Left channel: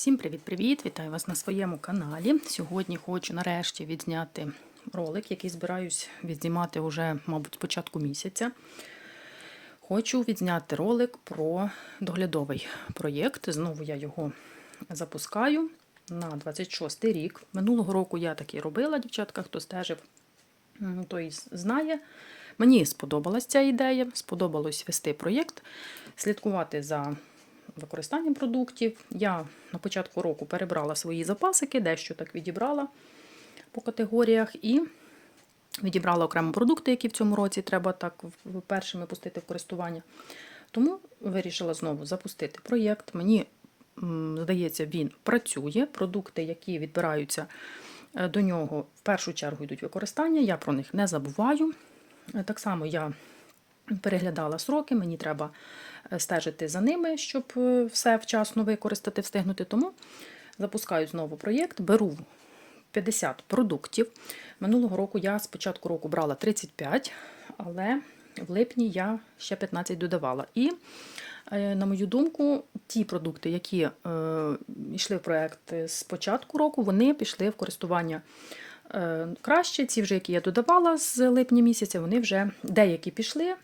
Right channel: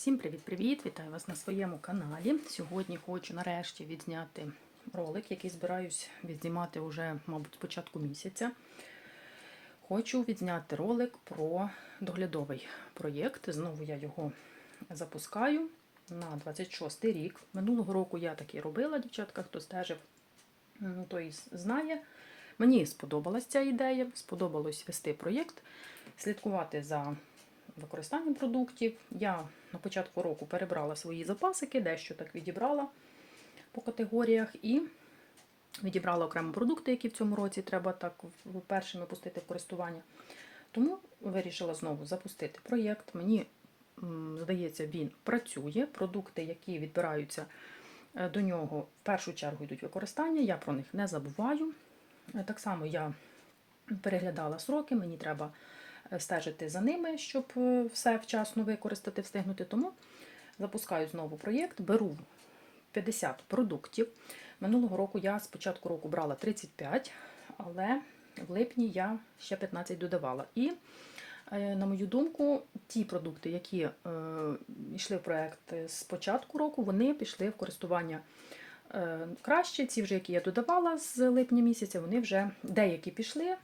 Всім привіт-привіт! Вітаю вас на своєму каналі. Сьогодні хочу нарешті відзняти ролик, який збираюсь відзнімати вже, мабуть, з початку місяця. Хочу відзняти ролик про доглядовий проєкт. Знову я його запускаю на 26 й рік. Минулого року я таки робила, дівчатка, хто стежив, той знає. Мені сподобалась ця ідея, сподобалось вести проєкт, слідкувати за використанням продуктів. Я на початку року перебрала свої запасики, дещо так відібрала по категоріях і відібрала окремо продукти, які в цьому році треба так першими пустити в користування. Тому вирішила знову запустити проєкт. Мені здається, він працює. Продукти, які відбираються е, до нього, в першу чергу йдуть використання. Я про них не забуваю. Е, Так само я переглядала сроки, мені треба стежити за ними, щоб е, все вчасно використати, встигнути. Тому запускаю знову проєкт, беру 50 продуктів. Минулого року я з початку року брала 35, але в липні я ще 15 додавала. І, е, на мою думку, ті продукти, які е, йшли в проєкт з початку року, вони пішли в користування е, краще. Ці вже, які я додавала з липня місяця, вони вже деякі пішли,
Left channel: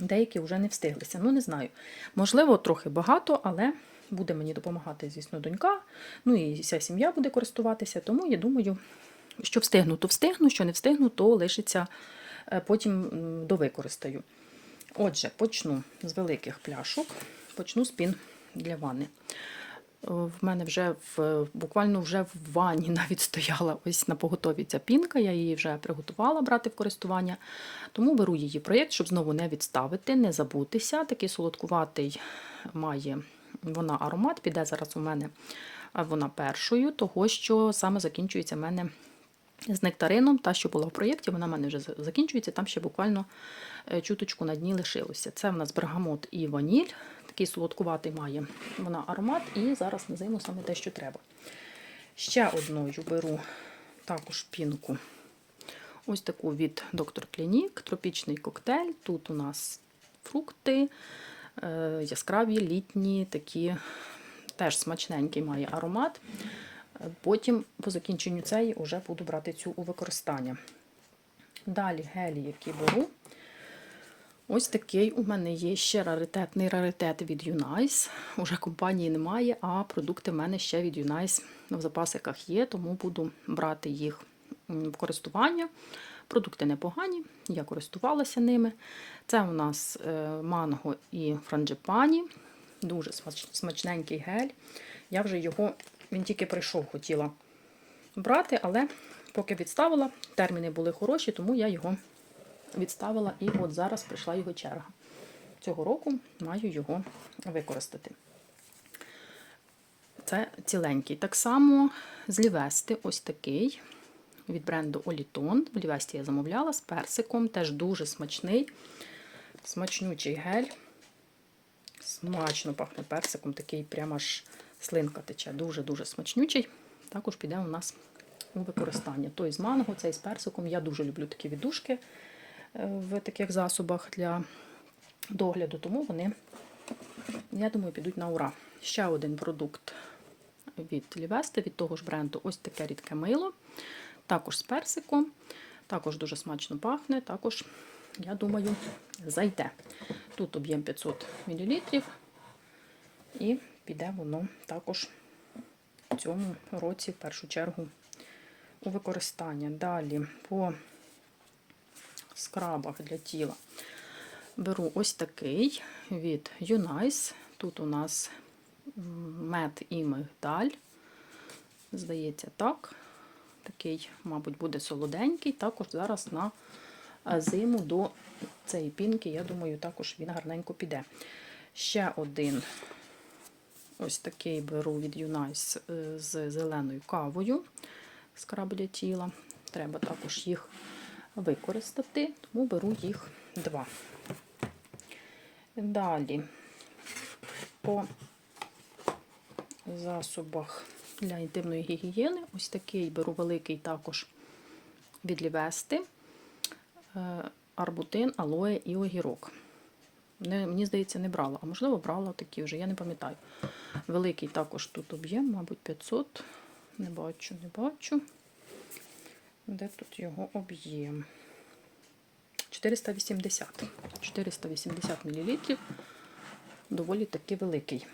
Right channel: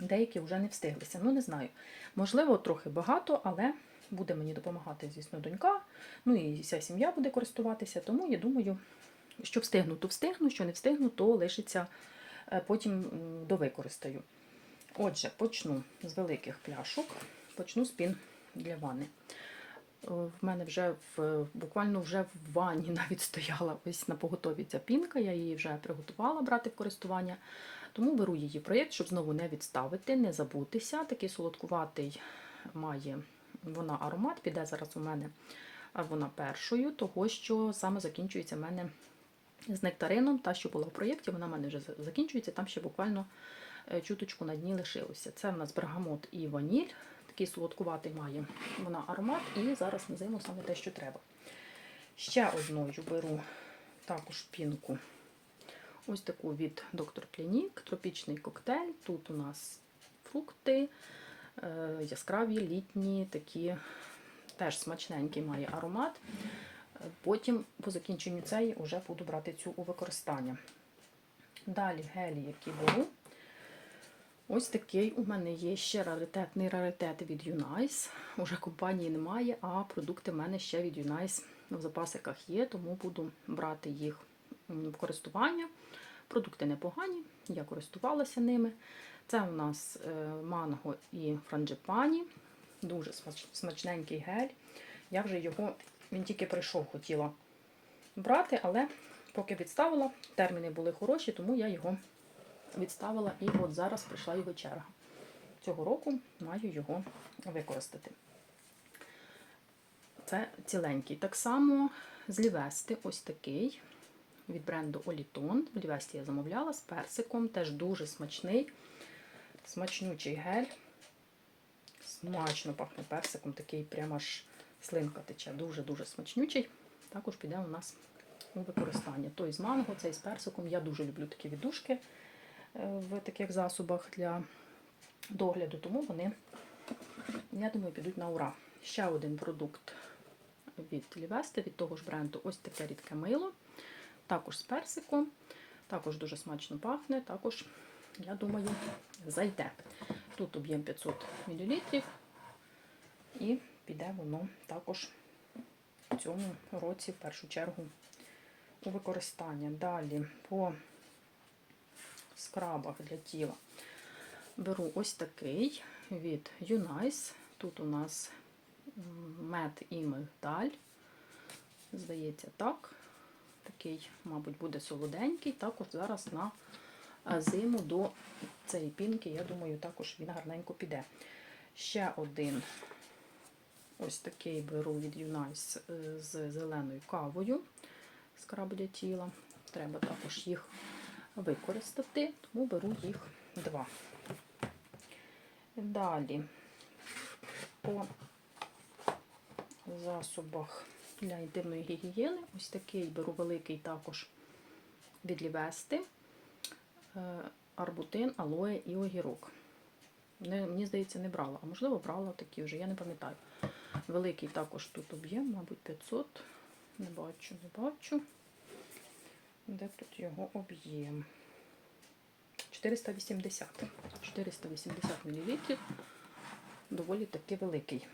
деякі вже не встиглися. Ну, не знаю. Можливо, трохи багато, але буде мені допомагати, звісно, донька. Ну і вся сім'я буде користуватися. Тому я думаю, що встигну, то встигну, що не встигну, то лишиться е, потім довикористаю. Отже, почну з великих пляшок, почну з пін для ванни. В мене вже в буквально вже в ванні навіть стояла ось на поготові ця пінка. Я її вже приготувала брати в користування. Тому беру її проєкт, щоб знову не відставити, не забутися. Такий солодкуватий має вона аромат, піде зараз у мене вона першою, того що саме закінчується в мене з нектарином. Та, що була в проєкті, вона в мене вже закінчується, там ще буквально е, чуточку на дні лишилося. Це в нас бергамот і ваніль. Такий солодкуватий має вона аромат, і зараз на зиму саме те, що треба. Ще одною беру також пінку. Ось таку від Доктор Клінік, тропічний коктейль. Тут у нас фрукти, е, яскраві, літні, такі теж смачненький має аромат. Потім, по закінченню цієї, вже буду брати цю у використання. Далі гелі, які беру. Ось такий у мене є ще раритетний раритет від Unice. Уже компанії немає, а продукти в мене ще від Unice в запасиках є, тому буду брати їх в користування. Продукти непогані, я користувалася ними. Це у нас е, манго і франджипані. Дуже смачненький гель. Я вже його, він тільки прийшов, хотіла брати, але поки відставила, терміни були хороші, тому я його відставила і от зараз прийшла його черга. Цього року маю його використати. Це ціленький. Так само з Лівести ось такий від бренду Олітон. В Лівесті я замовляла з персиком, теж дуже смачний, смачнючий гель. Смачно пахне персиком, такий прямо аж слинка тече. Дуже-дуже смачнючий. Також піде у нас у використання. Той з манго, цей з персиком. Я дуже люблю такі віддушки е, в таких засобах для догляду, тому вони, я думаю, підуть на ура. Ще один продукт від Лівести, від того ж бренду, ось таке рідке мило. Також з персиком, також дуже смачно пахне, також, я думаю, зайде. Тут об'єм 500 мл, і піде воно також в цьому році, в першу чергу, у використання. Далі по скрабах для тіла беру ось такий від Unice. Тут у нас мед і мигдаль. Здається, так. Такий, мабуть, буде солоденький. Також зараз на е, зиму до цієї пінки, я думаю, також він гарненько піде. Ще один ось такий беру від Unice е, з зеленою кавою скраб для тіла. Треба також їх використати, тому беру їх два. Далі по засобах для інтимної гігієни. Ось такий беру великий також від Лівести. Е, Арбутин, алоє і огірок. Не, мені здається, не брала, а можливо, брала такі вже, я не пам'ятаю. Великий також тут об'єм, мабуть, 500. Не бачу, не бачу. Де тут його об'єм? 480. 480 мл. Доволі таки великий.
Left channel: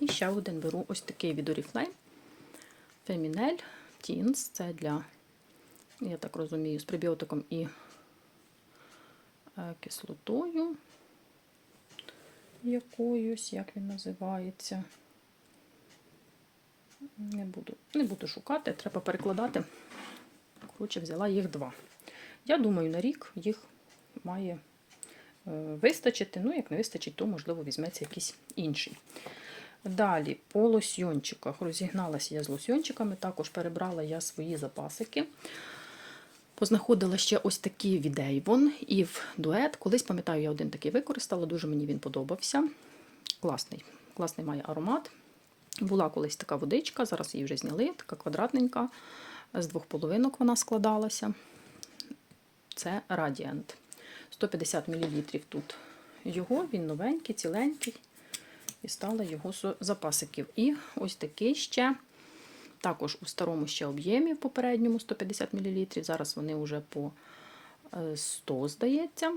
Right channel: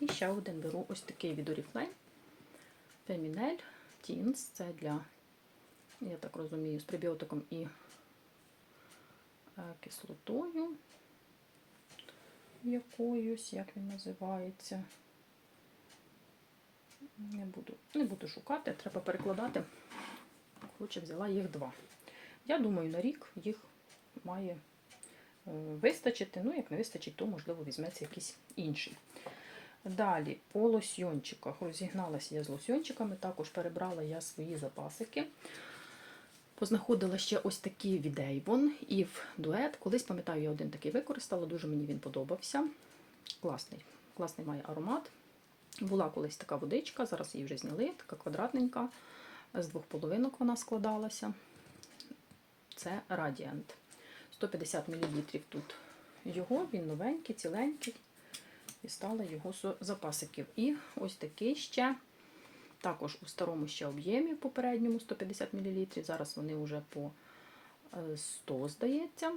І ще один беру ось такий від Oriflame. Feminel Teens. Це для, я так розумію, з пребіотиком і е, кислотою якоюсь, як він називається. Не буду, не буду шукати, треба перекладати. Коротше, взяла їх два. Я думаю, на рік їх має е, вистачити. Ну, як не вистачить, то, можливо, візьметься якийсь інший. Далі, по лосьйончиках. Розігналася я з лосьйончиками, також перебрала я свої запасики. Познаходила ще ось такі від Avon і в дует. Колись, пам'ятаю, я один такий використала, дуже мені він подобався. Класний, класний має аромат. Була колись така водичка, зараз її вже зняли, така квадратненька. З двох половинок вона складалася. Це Radiant. 150 мл тут його, він новенький, ціленький. І стала його запасиків. І ось такий ще. Також у старому ще об'ємі в попередньому 150 мл. Зараз вони вже по 100, здається.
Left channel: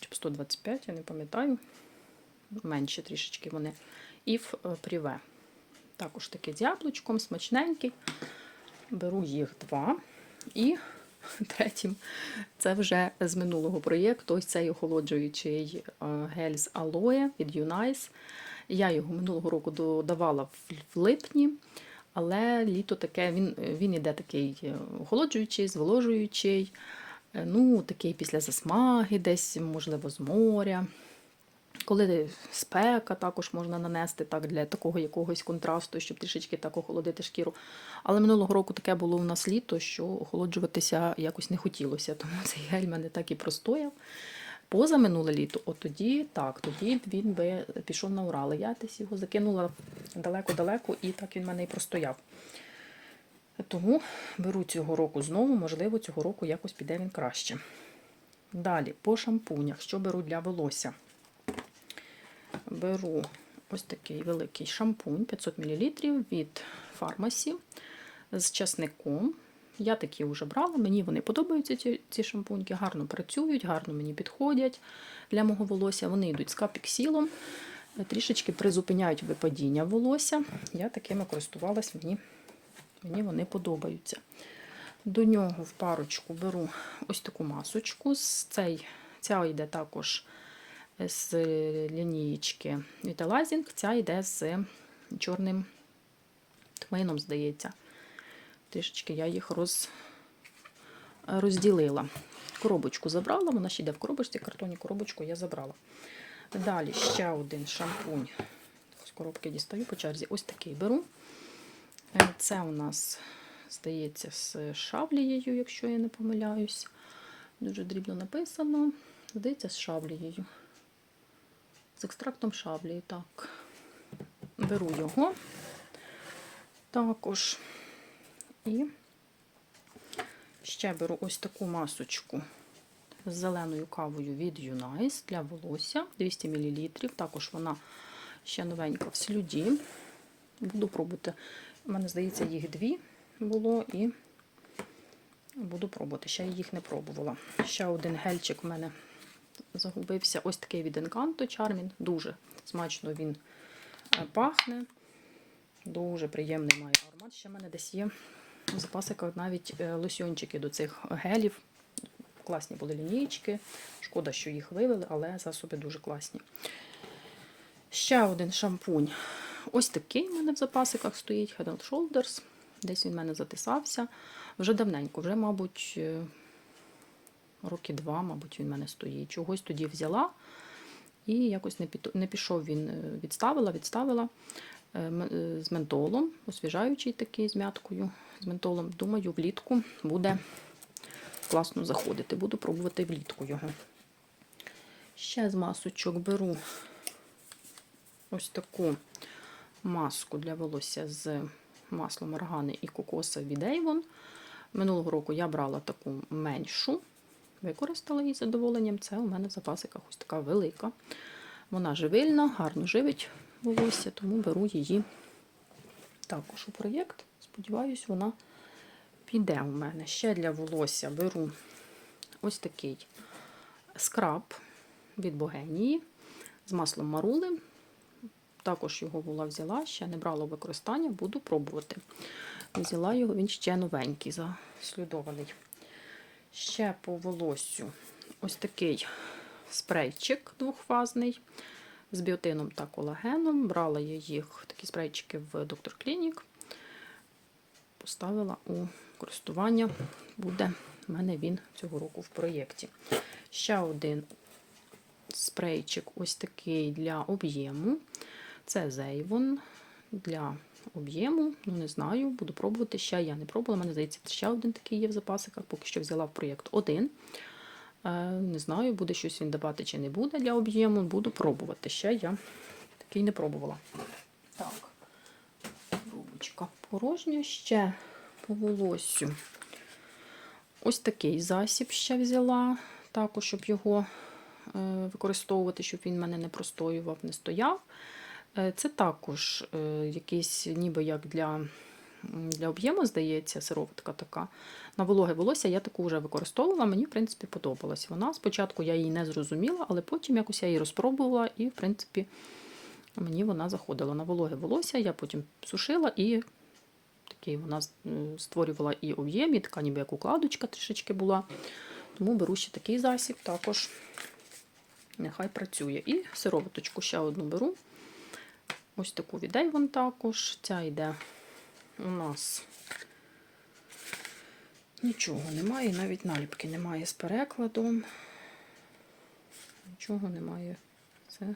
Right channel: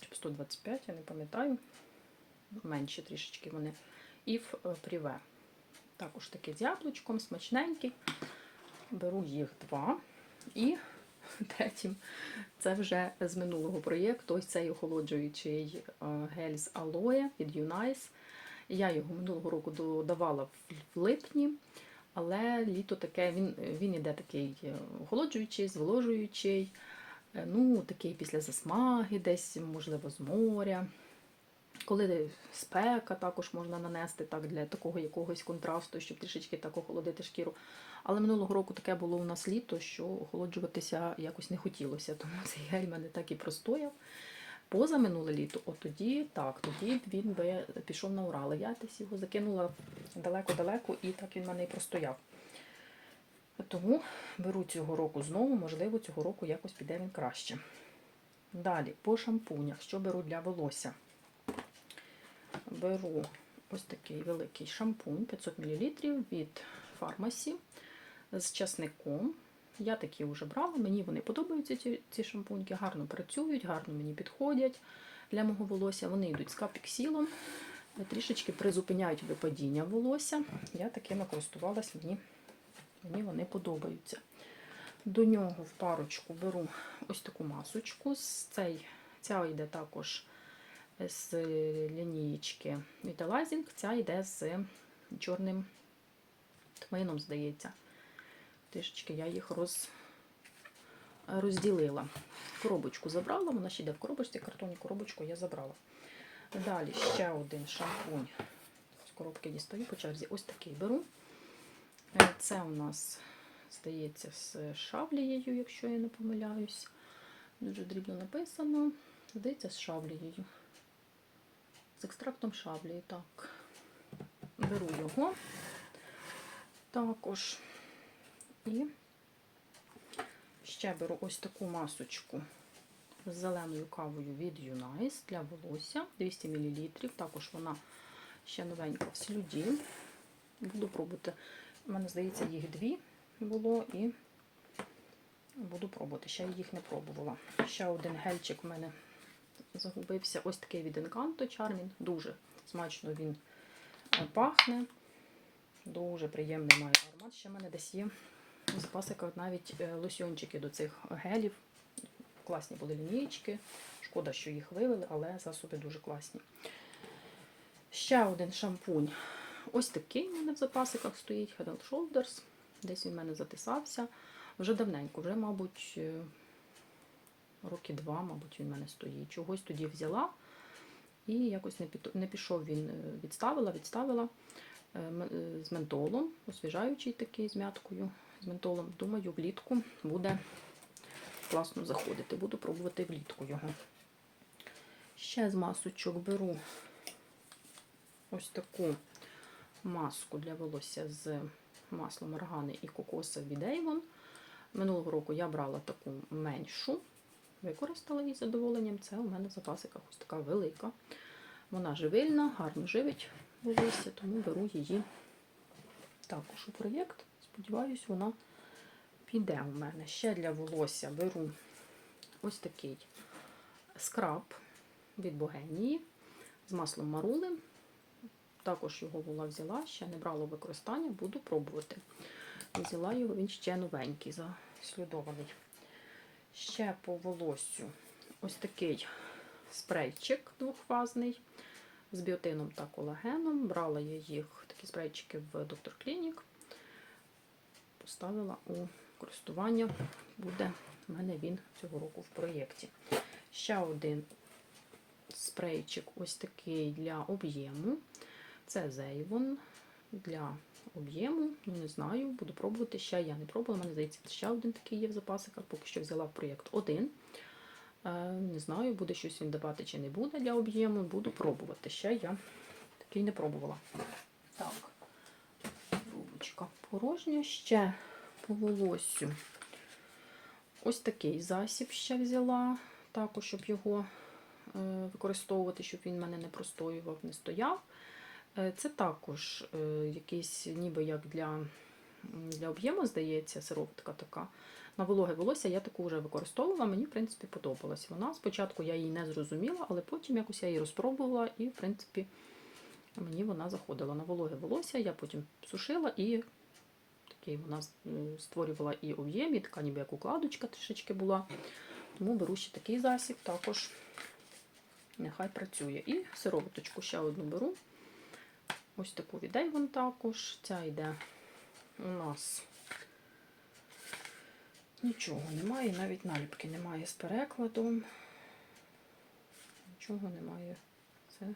Чи по 125, я не пам'ятаю. Менше трішечки вони. І в пріве. Також такий з яблучком, смачненький. Беру їх два. І третім, це вже з минулого проєкту. Ось цей охолоджуючий гель з алоє від Unice. Я його минулого року додавала в липні. Але літо таке, він він іде такий охолоджуючий, зволожуючий, ну, такий після засмаги, десь, можливо, з моря. Коли спека, також можна нанести так для такого якогось контрасту, щоб трішечки так охолодити шкіру. Але минулого року таке було у нас літо, що охолоджуватися якось не хотілося, тому цей гель мене так і простояв. Поза минуле літо, от тоді так, тоді він би пішов на Урал. Я десь його закинула далеко-далеко, і так він в мене і простояв. Тому беру цього року знову, можливо, цього року якось піде він краще. Далі, по шампунях, що беру для волосся? Беру ось такий великий шампунь 500 мл від фармасі з часником. Я такі вже брала, мені вони подобаються, ці ці шампуньки, гарно працюють, гарно мені підходять для мого волосся. Вони йдуть з капіксілом, трішечки призупиняють випадіння волосся. Я такими користувалась, мені, мені вони подобаються. До нього в парочку беру ось таку масочку. Цей, Ця йде також з лінієчки Vitalizing, ця йде з чорним тмином, здається. Трішечки я їх роз, розділила. Коробочку забрала, вона ще йде в коробочці, картонні коробочку я забрала. Далі ще один шампунь. З коробки дістаю по черзі. Ось такий беру. Це у нас, здається, з шаблією, якщо я не помиляюсь. Дуже дрібно написано. Здається, з шаблією. З екстрактом шаблії, так. Беру його також. І ще беру ось таку масочку з зеленою кавою від Unice для волосся 200 мл. Також вона ще новенька в слюді. Буду пробувати. У мене, здається, їх дві було і буду пробувати. Ще я їх не пробувала. Ще один гельчик в мене загубився. Ось такий від Encanto Charmin. Дуже смачно він пахне. Дуже приємний має аромат. Ще в мене десь є в запасиках навіть е, лосьончики до цих гелів. Класні були лінієчки. Шкода, що їх вивели, але засоби дуже класні. Ще один шампунь. Ось такий в мене в запасиках стоїть Head and Shoulders. Десь він в мене затисався. Вже давненько, вже, мабуть, е, роки два, мабуть, він в мене стоїть. Чогось тоді взяла. І якось не пішов він, е, відставила, відставила з ментолом, освіжаючий такий з м'яткою з ментолом. Думаю, влітку буде класно заходити. Буду пробувати влітку його. Ще з масочок беру ось таку маску для волосся з маслом органи і кокоса від Avon. Минулого року я брала таку меншу, використала її з задоволенням. Це у мене в запасиках ось така велика. Вона живильна, гарно живить волосся, тому беру її також у проєкт. Сподіваюсь, вона піде у мене. Ще для волосся беру ось такий скраб від Богенії з маслом марули. Також його була взяла, ще не брала використання, буду пробувати. Взяла його, він ще новенький, заслідований. Ще по волоссю ось такий спрейчик двохфазний з біотином та колагеном. Брала я їх, такі спрейчики в Доктор Клінік. Поставила у користування. Буде в мене він цього року в проєкті. Ще один спрейчик ось такий для об'єму. Це Зейвон для об'єму. Ну, не знаю, буду пробувати. Ще я не пробувала. Мене здається, ще один такий є в запасиках. Поки що взяла в проєкт один. Е, Не знаю, буде щось він давати чи не буде для об'єму. Буду пробувати. Ще я такий не пробувала. Так, рубочка порожня. Ще по волоссю. Ось такий засіб ще взяла. Також, щоб його е, використовувати, щоб він мене не простоював, не стояв. Е, Це також е, якийсь, ніби як для, для об'єму, здається, сироватка така. На вологе волосся я таку вже використовувала, мені, в принципі, подобалась вона. Спочатку я її не зрозуміла, але потім якось я її розпробувала, і, в принципі, мені вона заходила. На вологе волосся я потім сушила і такий вона створювала і об'єм, і така ніби як укладочка трішечки була. Тому беру ще такий засіб, також нехай працює. І сироваточку ще одну беру. Ось таку від Avon також. Ця йде у нас нічого немає, навіть наліпки немає з перекладом. Нічого немає. Це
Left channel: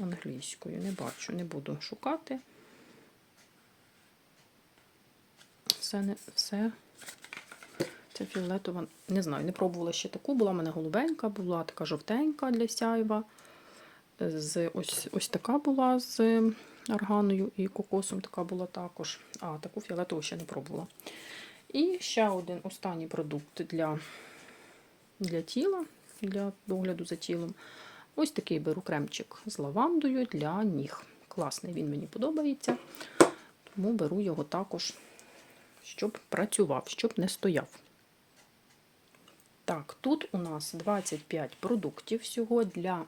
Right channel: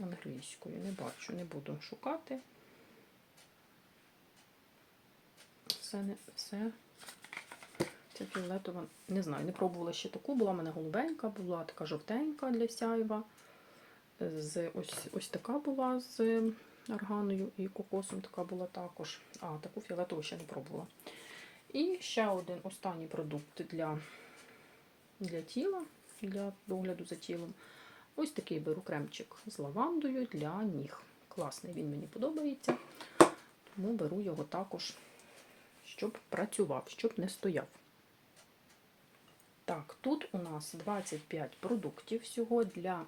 англійською. Не бачу, не буду шукати. Все, не, все. Це фіолетова. Не знаю, не пробувала ще таку. Була в мене голубенька, була така жовтенька для сяйва. З, ось, ось така була з арганою і кокосом така була також. А, таку фіолетову ще не пробувала. І ще один останній продукт для, для тіла, для догляду за тілом. Ось такий беру кремчик з лавандою для ніг. Класний, він мені подобається. Тому беру його також, щоб працював, щоб не стояв. Так, тут у нас 25 продуктів всього для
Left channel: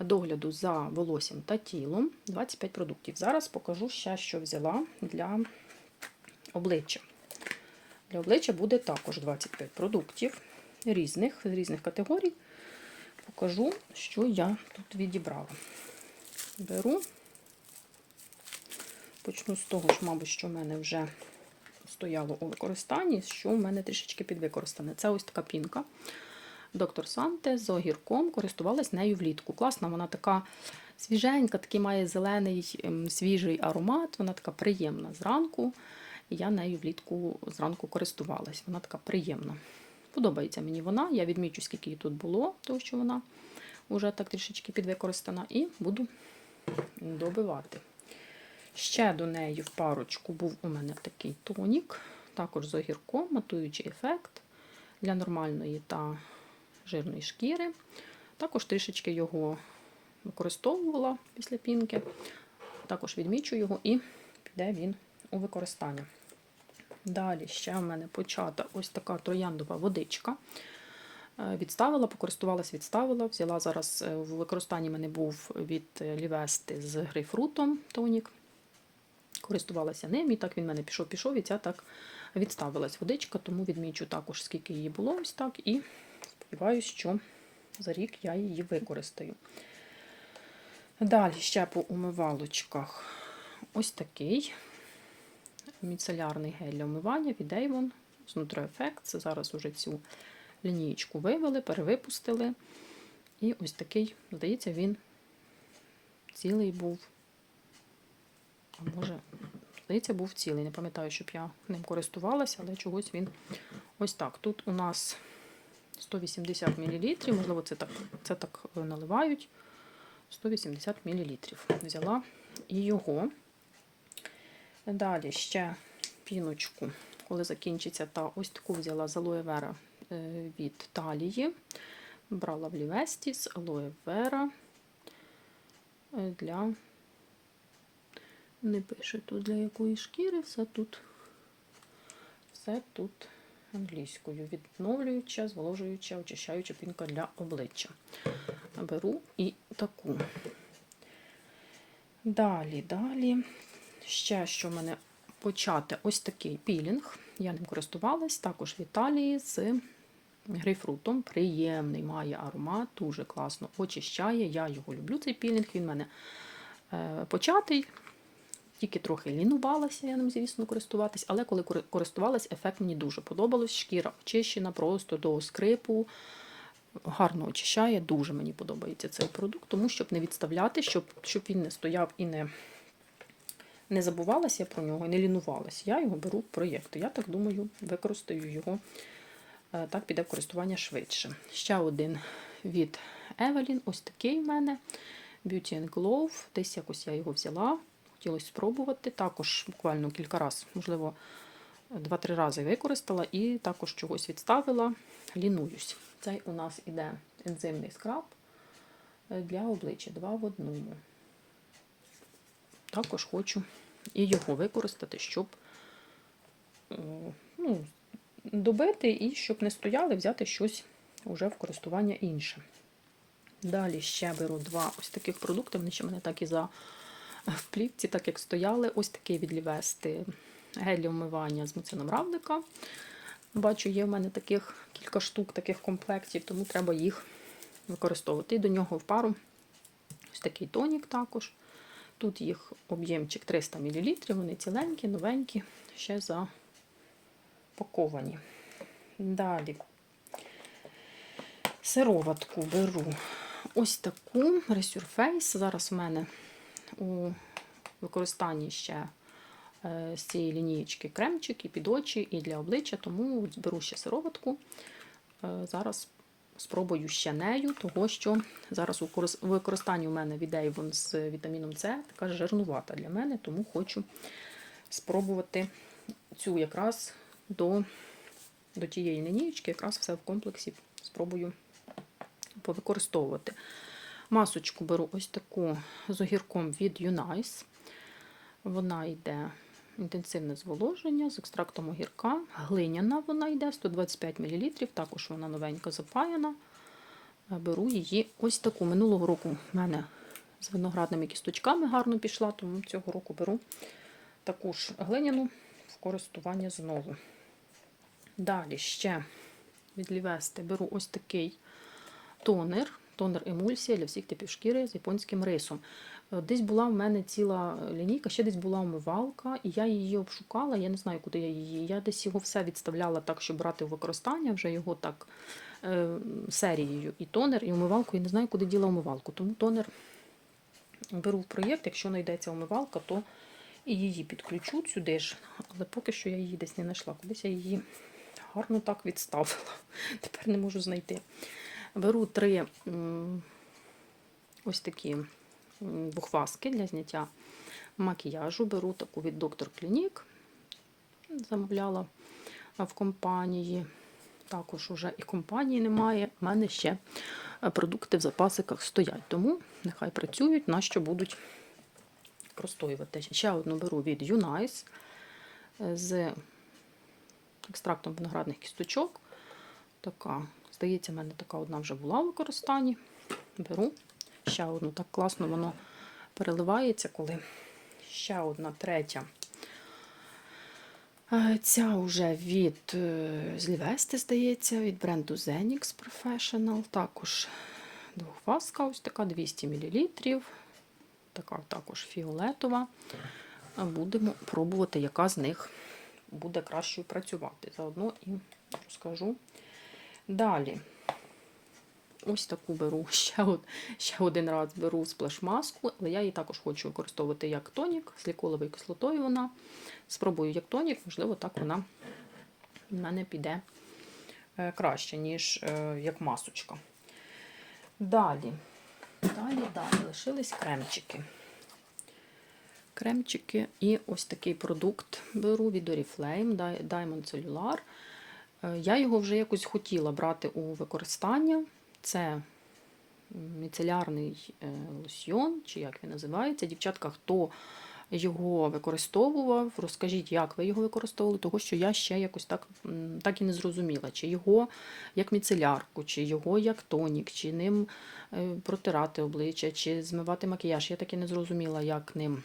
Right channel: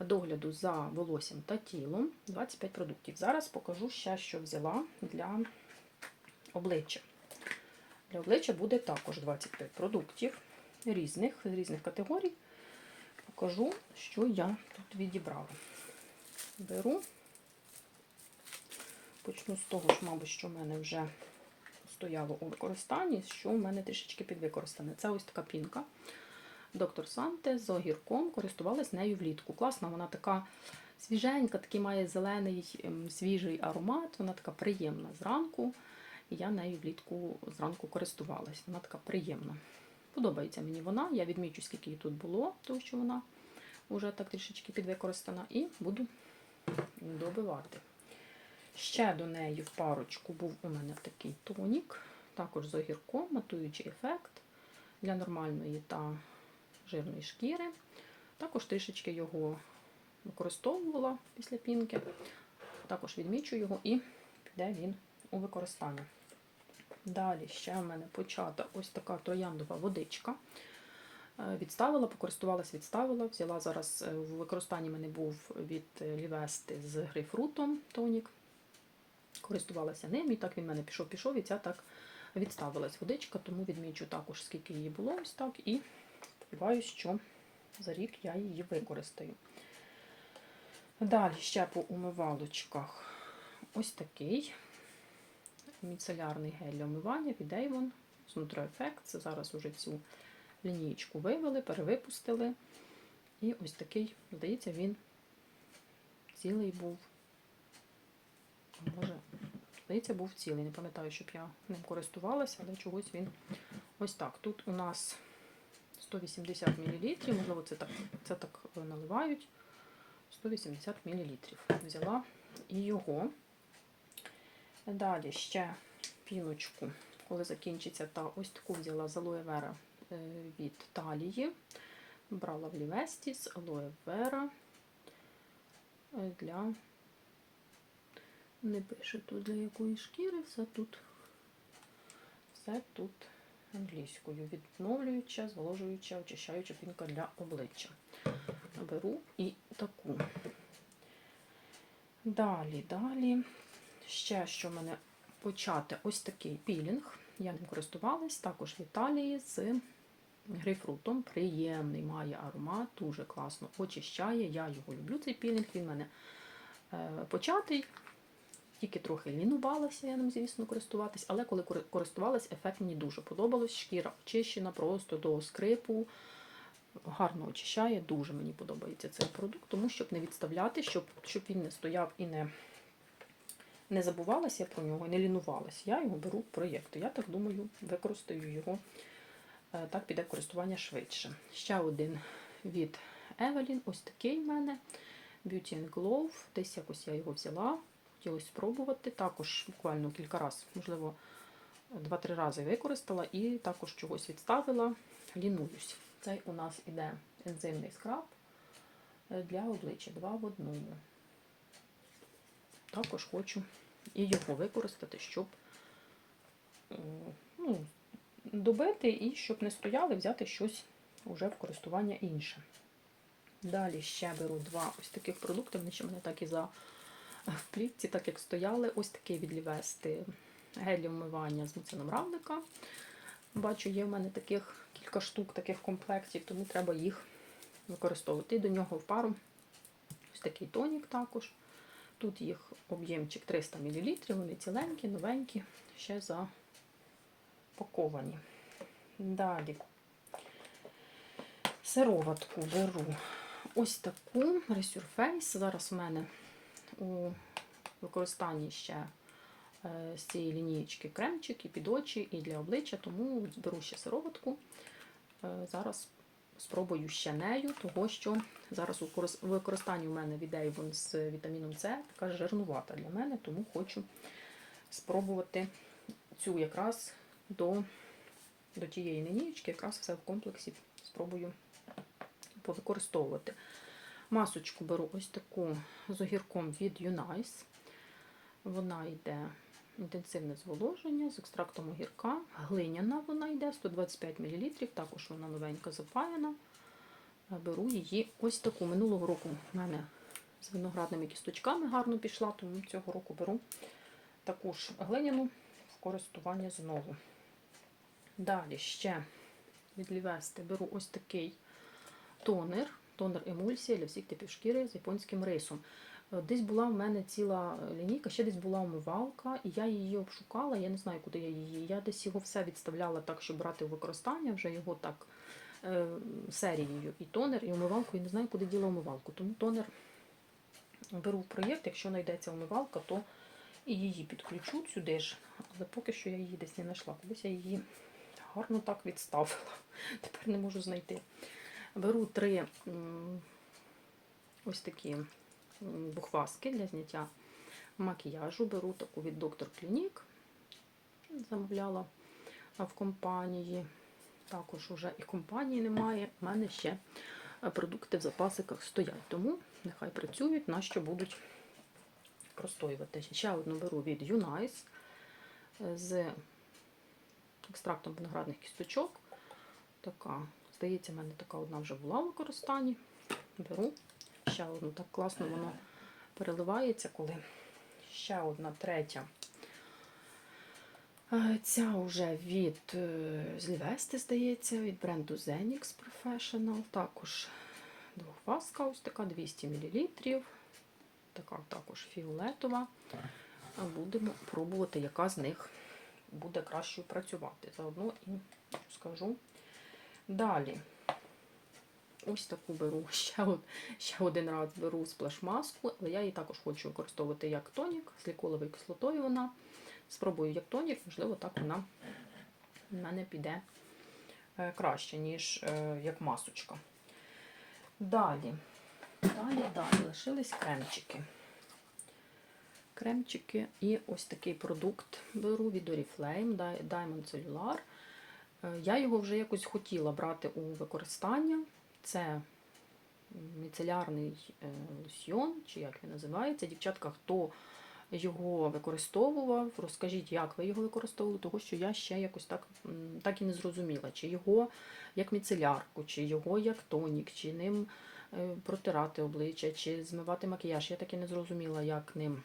догляду за волоссям та тілом. 25 продуктів. Зараз покажу ще, що взяла для обличчя. Для обличчя буде також 25 продуктів різних, різних категорій. Покажу, що я тут відібрала. Беру, почну з того, що, мабуть, що в мене вже стояло у використанні, що в мене трішечки підвикористане. Це ось така пінка. Доктор Санте з огірком користувалась нею влітку. Класна, вона така свіженька, такий має зелений ем, свіжий аромат, вона така приємна зранку. І я нею влітку зранку користувалась. Вона така приємна. Подобається мені вона. Я відмічу, скільки її тут було, тому що вона вже так трішечки підвикористана, і буду добивати. Ще до неї в парочку був у мене такий тонік, також з огірком, матуючий ефект для нормальної та жирної шкіри. Також трішечки його використовувала після пінки. Також відмічу його і піде він у використання. Далі ще в мене почата ось така трояндова водичка. Е, Відставила, покористувалась, відставила. Взяла зараз е, в використанні мене був від Лівести з грейпфрутом тонік. Користувалася ним, і так він в мене пішов, пішов, і ця так відставилась водичка, тому відмічу також, скільки її було ось так, і сподіваюся, що за рік я її використаю. Далі ще по умивалочках ось такий міцелярний гель для умивання від Avon з NutriEffect. Це зараз уже цю лінієчку вивели, перевипустили. І ось такий, здається, він цілий був. Може, здається, був цілий. Не пам'ятаю, щоб я ним користувалася, але чогось він ось так. Тут у нас 180 мл, можливо, це так, це так наливають. 180 мл. Взяла і його. Далі ще піночку, коли закінчиться, та ось таку взяла з алоє вера е, від талії. Брала в Лівесті з алоє е, для не пише тут для якої шкіри, все тут, все тут англійською. Відновлююча, зволожуюча, очищаюча пінка для обличчя. Беру і таку. Далі, далі. Ще що в мене почати ось такий пілінг. Я ним користувалась, також в Італії з грейпфрутом. Приємний, має аромат, дуже класно очищає. Я його люблю, цей пілінг. Він в мене е, початий. Тільки трохи лінувалася, я ним, звісно, користуватись, але коли користувалась, ефект мені дуже подобалось. Шкіра очищена просто до скрипу. Гарно очищає, дуже мені подобається цей продукт, тому щоб не відставляти, щоб, щоб він не стояв і не, не забувалася про нього, і не лінувалася. Я його беру в проєкти. Я так думаю, використаю його. Е, Так піде в користування швидше. Ще один від Evelyn, ось такий в мене. Beauty and Glow. Десь якось я його взяла. Хотілося спробувати. Також буквально кілька разів, можливо, два-три рази використала і також чогось відставила. Лінуюсь. Цей у нас іде ензимний скраб е, для обличчя два в одному. Також хочу і його використати, щоб ну, добити і щоб не стояли, взяти щось уже в користування інше. Далі ще беру два ось таких продукти. Вони ще мене так і за в плівці, так як стояли. Ось такий від Лівести гель з муцином равлика. Бачу, є в мене таких кілька штук таких комплектів, тому треба їх використовувати. І до нього в пару ось такий тонік також. Тут їх об'ємчик 300 мл, вони ціленькі, новенькі, ще запаковані. Далі сироватку беру ось таку Resurface. Зараз в мене у використанні ще е, з цієї лінієчки кремчик і під очі, і для обличчя, тому беру ще сироватку. Е, Зараз спробую ще нею, того що зараз у використанні у мене від Avon з вітаміном С така жирнувата для мене, тому хочу спробувати цю якраз до, до тієї лінієчки, якраз все в комплексі спробую повикористовувати. Масочку беру ось таку з огірком від Unice. Вона йде інтенсивне зволоження з екстрактом огірка. Глиняна вона йде 125 мл, також вона новенька запаяна. Беру її ось таку. Минулого року в мене з виноградними кісточками гарно пішла, тому цього року беру таку ж глиняну в користування знову. Далі ще від Лівести беру ось такий тонер. Тонер емульсія для всіх типів шкіри з японським рисом. Е, Десь була в мене ціла лінійка, ще десь була омивалка, і я її обшукала. Я не знаю, куди я її. Я десь його все відставляла так, щоб брати в використання, вже його так е, серією. І тонер, і омивалку. Я не знаю, куди діла омивалку. Тому тонер беру в проєкт. Якщо знайдеться омивалка, то і її підключу сюди ж. Але поки що я її десь не знайшла. Кудись я її гарно так відставила. Тепер не можу знайти. Беру три ось такі бухваски для зняття макіяжу. Беру таку від Доктор Клінік. Замовляла в компанії. Також уже і компанії немає. У мене ще е, продукти в запасиках стоять. Тому нехай працюють, на що будуть простоювати. Ще одну беру від Unice е, з екстрактом виноградних кісточок. Така, здається, в мене така одна вже була в використанні. Беру ще одну. Так класно воно переливається, коли ще одна третя. Е, Ця вже від е, Злівести, здається, від бренду Zenix Professional. Також двохфаска, ось така 200 мл. Така також фіолетова. Будемо пробувати, яка з них буде кращою працювати. Заодно і розкажу. Далі. Ось таку беру ще, ще один раз беру сплеш-маску, але я її також хочу використовувати як тонік з ліколовою кислотою. Вона. Спробую як тонік, можливо, так вона в мене піде е, краще, ніж е, як масочка. Далі, далі, далі лишились кремчики. Кремчики і ось такий продукт беру від Oriflame Diamond Cellular. Е, Я його вже якось хотіла брати у використання. Це міцелярний е, лосьйон, чи як він називається. Дівчатка, хто його використовував, розкажіть, як ви його використовували, тому що я ще якось так, так і не зрозуміла, чи його як міцелярку, чи його як тонік, чи ним е, протирати обличчя, чи змивати макіяж. Я так і не зрозуміла, як ним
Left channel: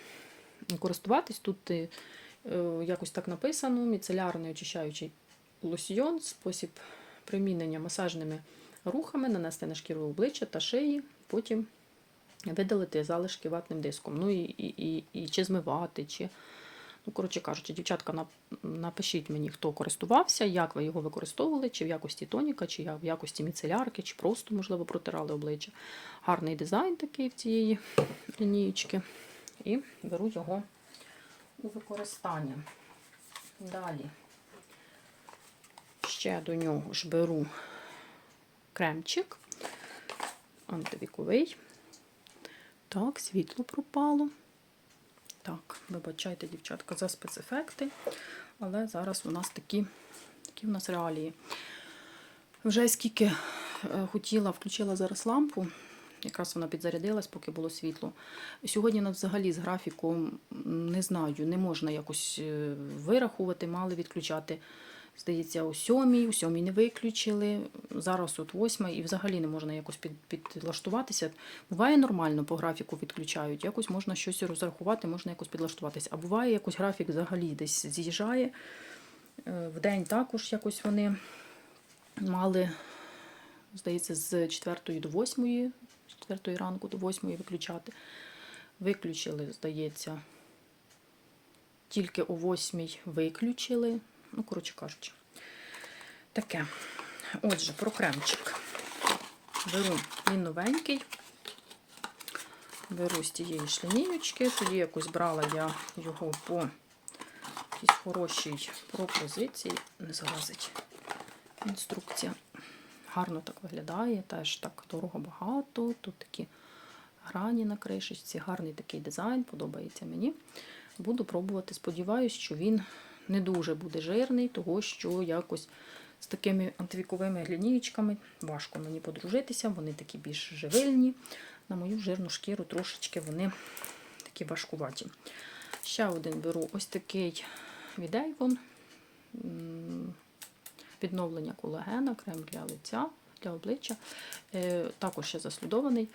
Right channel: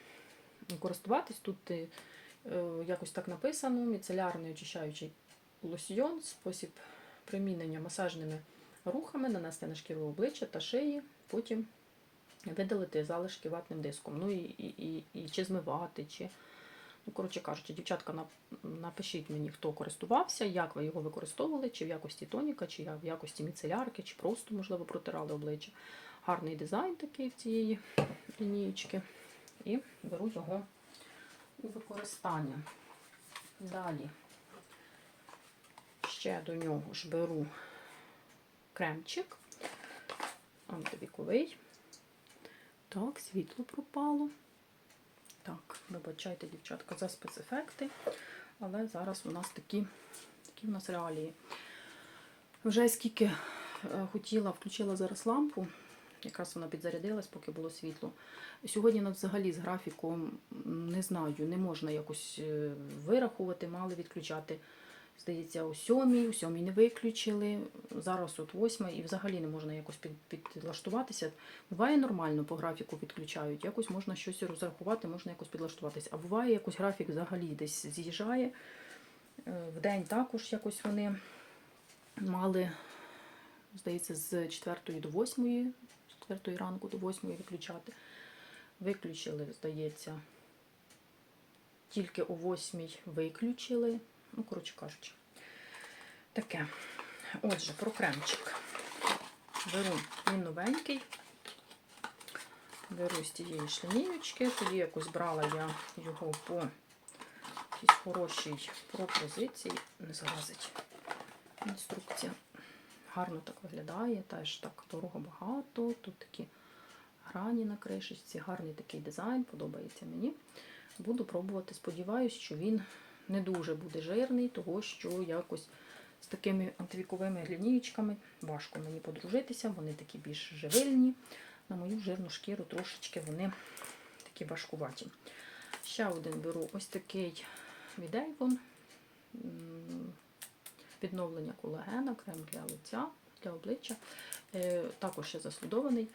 користуватись. Тут якось так написано: міцелярний очищаючий лосьйон, спосіб примінення масажними рухами, нанести на шкіру обличчя та шиї, потім видалити залишки ватним диском. Ну і, і, і, і чи змивати, чи. Ну, коротше кажучи, дівчатка, напишіть мені, хто користувався, як ви його використовували, чи в якості тоніка, чи в якості міцелярки, чи просто, можливо, протирали обличчя. Гарний дизайн такий в цієї лінієчки. І беру його у використання. Далі ще до нього ж беру кремчик антивіковий. Так, світло пропало. Так, вибачайте, дівчатка, за спецефекти. Але зараз у нас такі, такі в нас реалії. Вже скільки е, хотіла, включила зараз лампу, якраз вона підзарядилась, поки було світло. Сьогодні нас взагалі з графіком не знаю, не можна якось е, вирахувати, мали відключати. Здається, о сьомій, о сьомій не виключили. Зараз от восьма, і взагалі не можна якось під, підлаштуватися. Буває нормально по графіку відключають, якось можна щось розрахувати, можна якось підлаштуватися. А буває якось графік взагалі десь з'їжджає. Е, Вдень також якось вони мали, здається, з 4 до 8, з 4 ранку до 8 виключати. Виключили, здається, тільки о 8 виключили. Ну, коротше кажучи, таке. Отже, про кремчик. Беру він новенький. Беру з тієї шлінійочки. Тоді якось брала я його по якійсь хорошій пропозиції. Не залазить інструкція. Гарно так виглядає, теж так дорого багато. Тут такі грані на кришечці, гарний такий дизайн, подобається мені. Буду пробувати. Сподіваюсь, що він не дуже буде жирний, того що якось з такими антивіковими глінієчками важко мені подружитися, вони такі більш живильні. На мою жирну шкіру трошечки вони такі важкуваті. Ще один беру ось такий від Avon. Відновлення колагена, крем для лиця, для обличчя. Е, Також ще заслідований.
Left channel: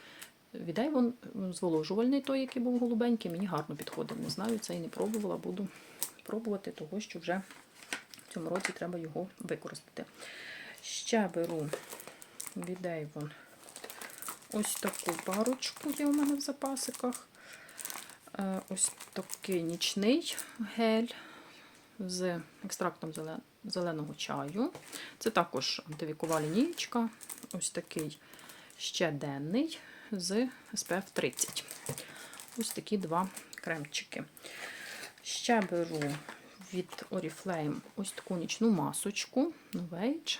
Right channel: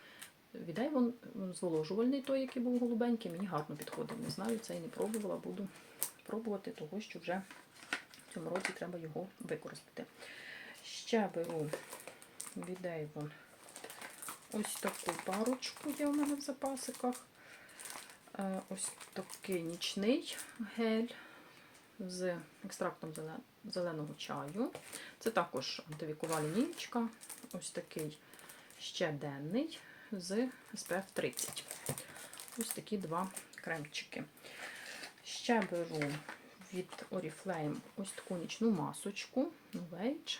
Від Avon зволожувальний той, який був голубенький, мені гарно підходив. Не знаю, це і не пробувала, буду пробувати, того що вже в цьому році треба його використати. Ще беру від ось таку парочку є у мене в запасиках. Е, Ось такий нічний гель з екстрактом зеленого чаю. Це також антивікова лінієчка. Ось такий ще денний з SPF 30. Ось такі два кремчики. Ще беру від Oriflame ось таку нічну масочку Novage.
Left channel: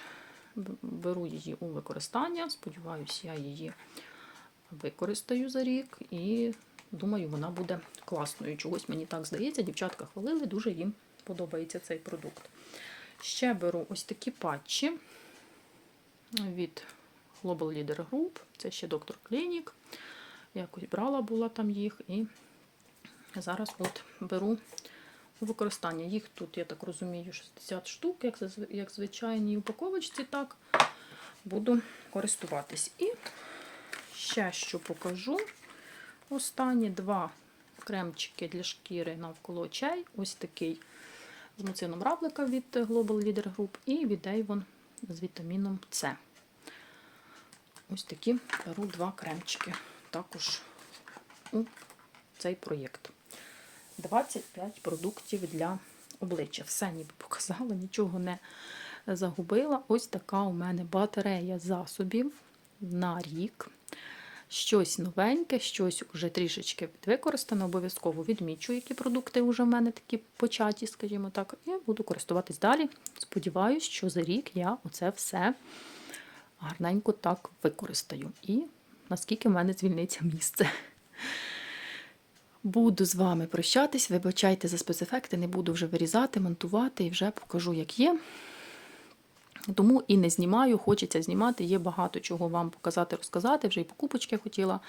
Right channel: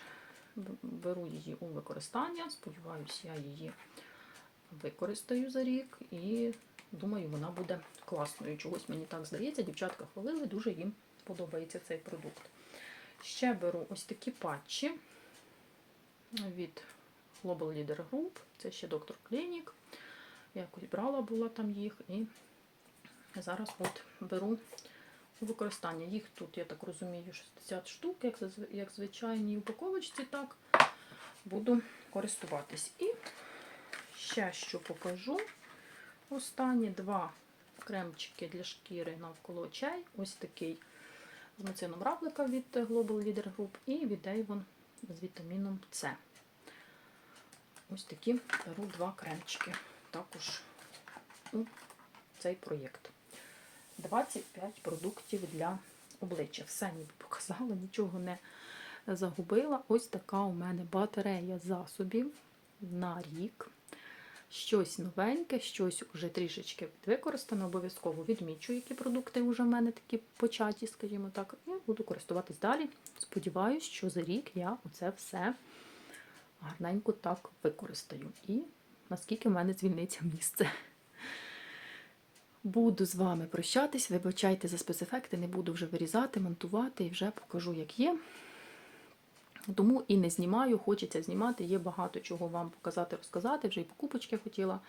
Беру її у використання. Сподіваюся, я її використаю за рік і думаю, вона буде класною. Чогось мені так здається. Дівчатка хвалили, дуже їм подобається цей продукт. Ще беру ось такі патчі від Global Leader Group. Це ще доктор Клінік. Якось брала була там їх і зараз от беру у використання. Їх тут, я так розумію, 60 штук, як, як звичайній упаковочці, так буду користуватись. І ще що покажу. Останні два кремчики для шкіри навколо очей. Ось такий з муцином равлика від Global Leader Group і від Avon з вітаміном С. Ось такі беру два кремчики також у цей проєкт. 25 продуктів для обличчя. Все ніби показала, нічого не загубила. Ось така у мене батарея засобів на рік. Щось новеньке, щось вже трішечки використане. Обов'язково відмічу, які продукти вже в мене такі початі, скажімо так, і буду користуватись далі. Сподіваюсь, що за рік я оце все гарненько так використаю. І наскільки в мене звільниться місце. Буду з вами прощатись. Вибачайте за спецефекти, не буду вже вирізати, монтувати і вже покажу, як є. Тому і не знімаю, хочеться знімати. Є багато чого вам показати, розказати. Вже і покупочки хотіла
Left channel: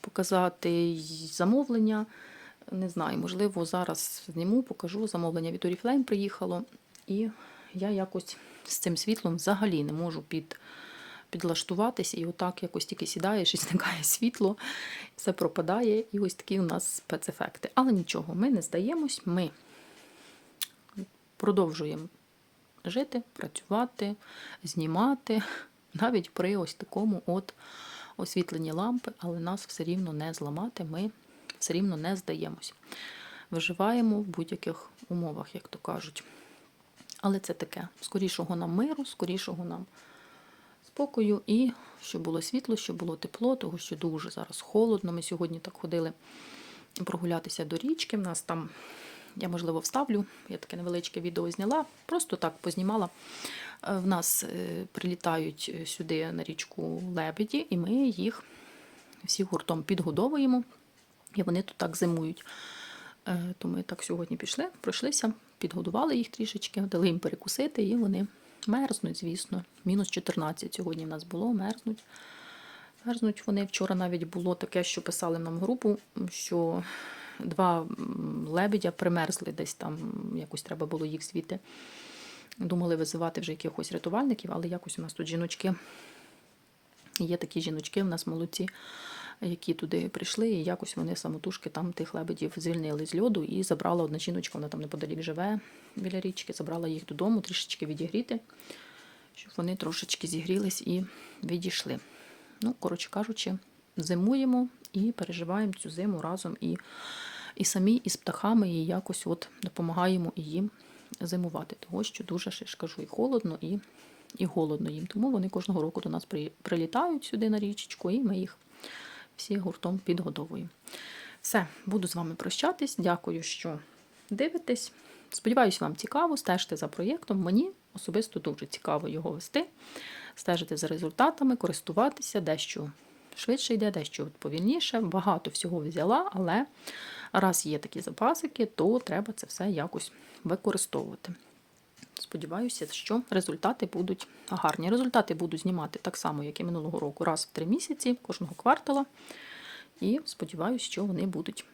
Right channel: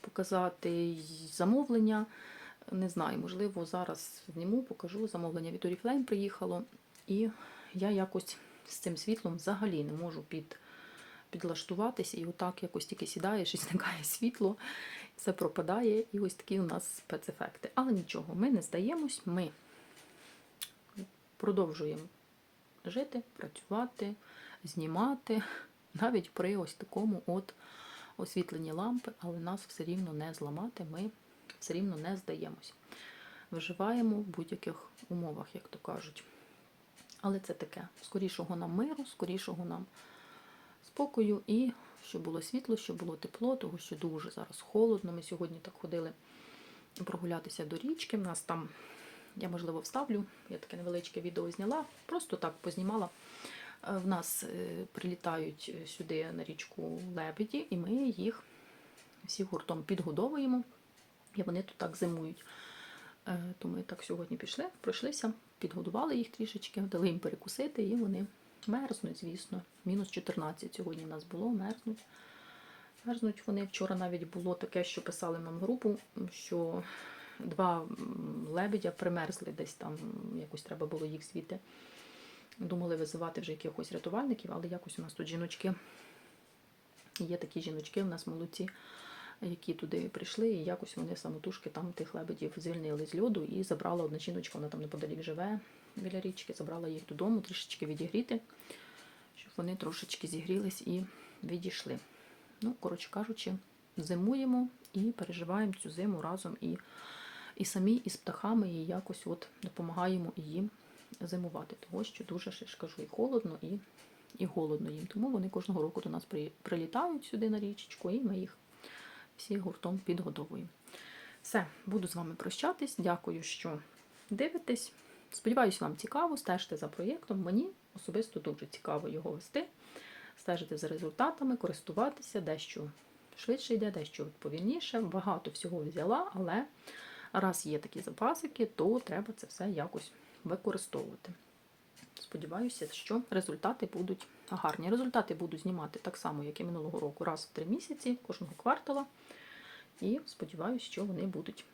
показати, і замовлення. Не знаю, можливо, зараз зніму, покажу. Замовлення від Oriflame приїхало. І я якось з цим світлом взагалі не можу під, підлаштуватися. І отак якось тільки сідаєш і зникає світло, все пропадає. І ось такі у нас спецефекти. Але нічого, ми не здаємось, ми продовжуємо жити, працювати, знімати, навіть при ось такому от освітленні лампи, але нас все рівно не зламати, ми все рівно не здаємось. Виживаємо в будь-яких умовах, як то кажуть. Але це таке: скорішого нам миру, скорішого нам спокою і щоб було світло, щоб було тепло, тому що дуже зараз холодно. Ми сьогодні так ходили прогулятися до річки. В нас там, я можливо вставлю, я таке невеличке відео зняла, просто так познімала. Е, В нас е, прилітають е, сюди на річку лебеді, і ми їх всі гуртом підгодовуємо, і вони тут так зимують. То ми так сьогодні пішли, пройшлися, підгодували їх трішечки, дали їм перекусити, і вони мерзнуть, звісно. Мінус 14 сьогодні в нас було, мерзнуть. Мерзнуть вони. Вчора навіть було таке, що писали нам групу, що два лебедя примерзли десь там, якось треба було їх звідти. Думали визивати вже якихось рятувальників, але якось у нас тут жіночки. Є такі жіночки, в нас молодці, які туди прийшли, і якось вони самотужки там тих лебедів звільнили з льоду і забрала одна жіночка, вона там неподалік живе біля річки, забрала їх додому, трішечки відігріти, щоб вони трошечки зігрілись і відійшли. Ну, коротше кажучи, зимуємо і переживаємо цю зиму разом і, і самі, і з птахами, і якось от допомагаємо і їм зимувати. Того, що дуже ще ж кажу, і холодно, і, і голодно їм. Тому вони кожного року до нас прилітають сюди на річечку, і ми їх всі гуртом підгодовуємо. Все, буду з вами прощатись. Дякую, що дивитесь. Сподіваюсь, вам цікаво, стежте за проєктом. Мені особисто дуже цікаво його вести, стежити за результатами, користуватися, дещо швидше йде, дещо повільніше. Багато всього взяла, але раз є такі запасики, то треба це все якось використовувати. Сподіваюся, що результати будуть гарні. Результати буду знімати так само, як і минулого року, раз в три місяці, кожного квартала. І сподіваюся, що вони будуть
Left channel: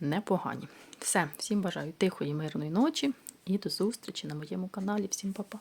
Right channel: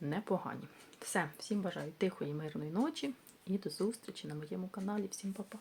непогані. Все, всім бажаю тихої, мирної ночі і до зустрічі на моєму каналі. Всім па-па!